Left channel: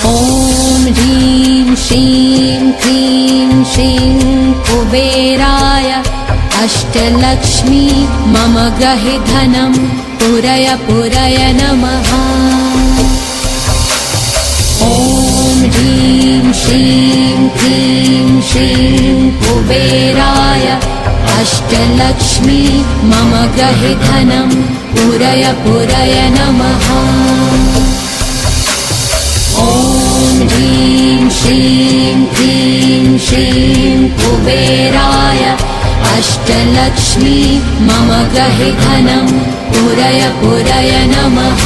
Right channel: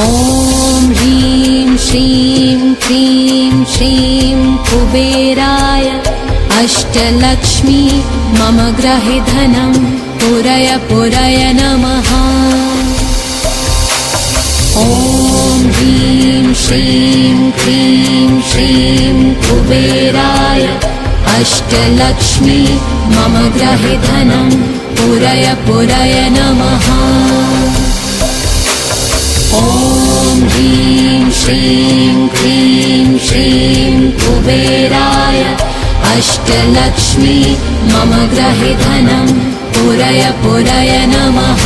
ॐ ह्रीं श्रीं क्रीं श्रीं कुबेराय अष्टलक्ष्मी मम ग्रहे धनं पुरय पुरय नमः। ॐ ह्रीं श्रीं क्रीं श्रीं कुबेराय अष्टलक्ष्मी मम ग्रहे धनं पुरय पुरय नमः। ॐ ह्रीं श्रीं क्रीं श्रीं कुबेराय अष्टलक्ष्मी मम ग्रहे धनं पुरय पुरय नमः।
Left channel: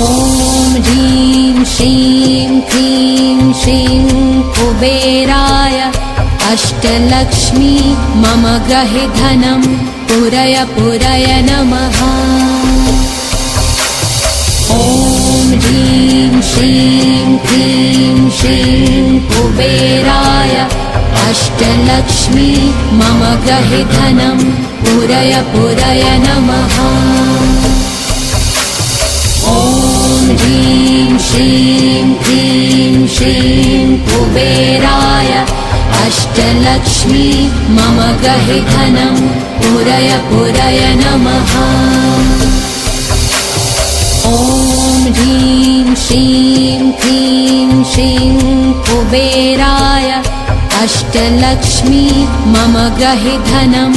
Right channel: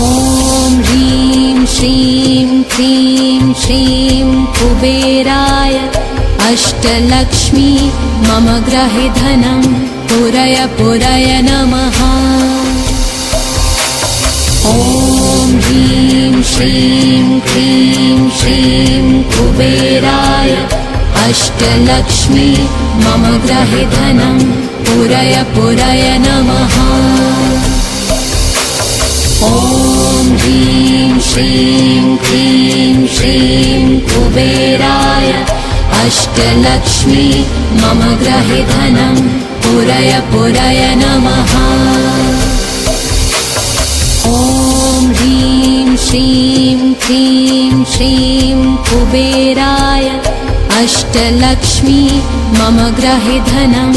ॐ ह्रीं श्रीं क्रीं श्रीं कुबेराय अष्टलक्ष्मी मम ग्रहे धनं पुरय पुरय नमः। ॐ ह्रीं श्रीं क्रीं श्रीं कुबेराय अष्टलक्ष्मी मम ग्रहे धनं पुरय पुरय नमः। ॐ ह्रीं श्रीं क्रीं श्रीं कुबेराय अष्टलक्ष्मी मम ग्रहे धनं पुरय पुरय नमः। ॐ ह्रीं श्रीं क्रीं श्रीं कुबेराय अष्टलक्ष्मी मम ग्रहे धनं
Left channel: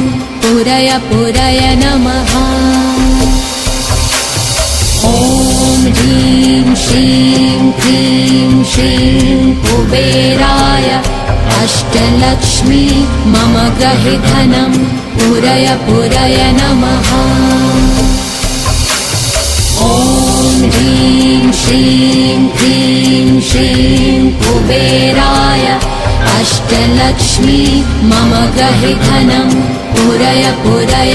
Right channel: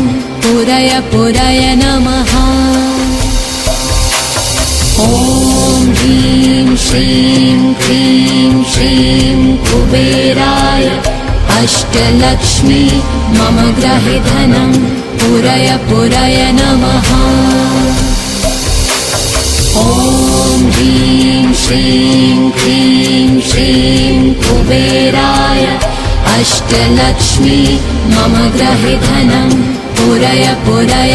पुरय पुरय नमः। ॐ ह्रीं श्रीं क्रीं श्रीं कुबेराय अष्टलक्ष्मी मम ग्रहे धनं पुरय पुरय नमः। ॐ ह्रीं श्रीं क्रीं श्रीं कुबेराय अष्टलक्ष्मी मम ग्रहे धनं पुरय पुरय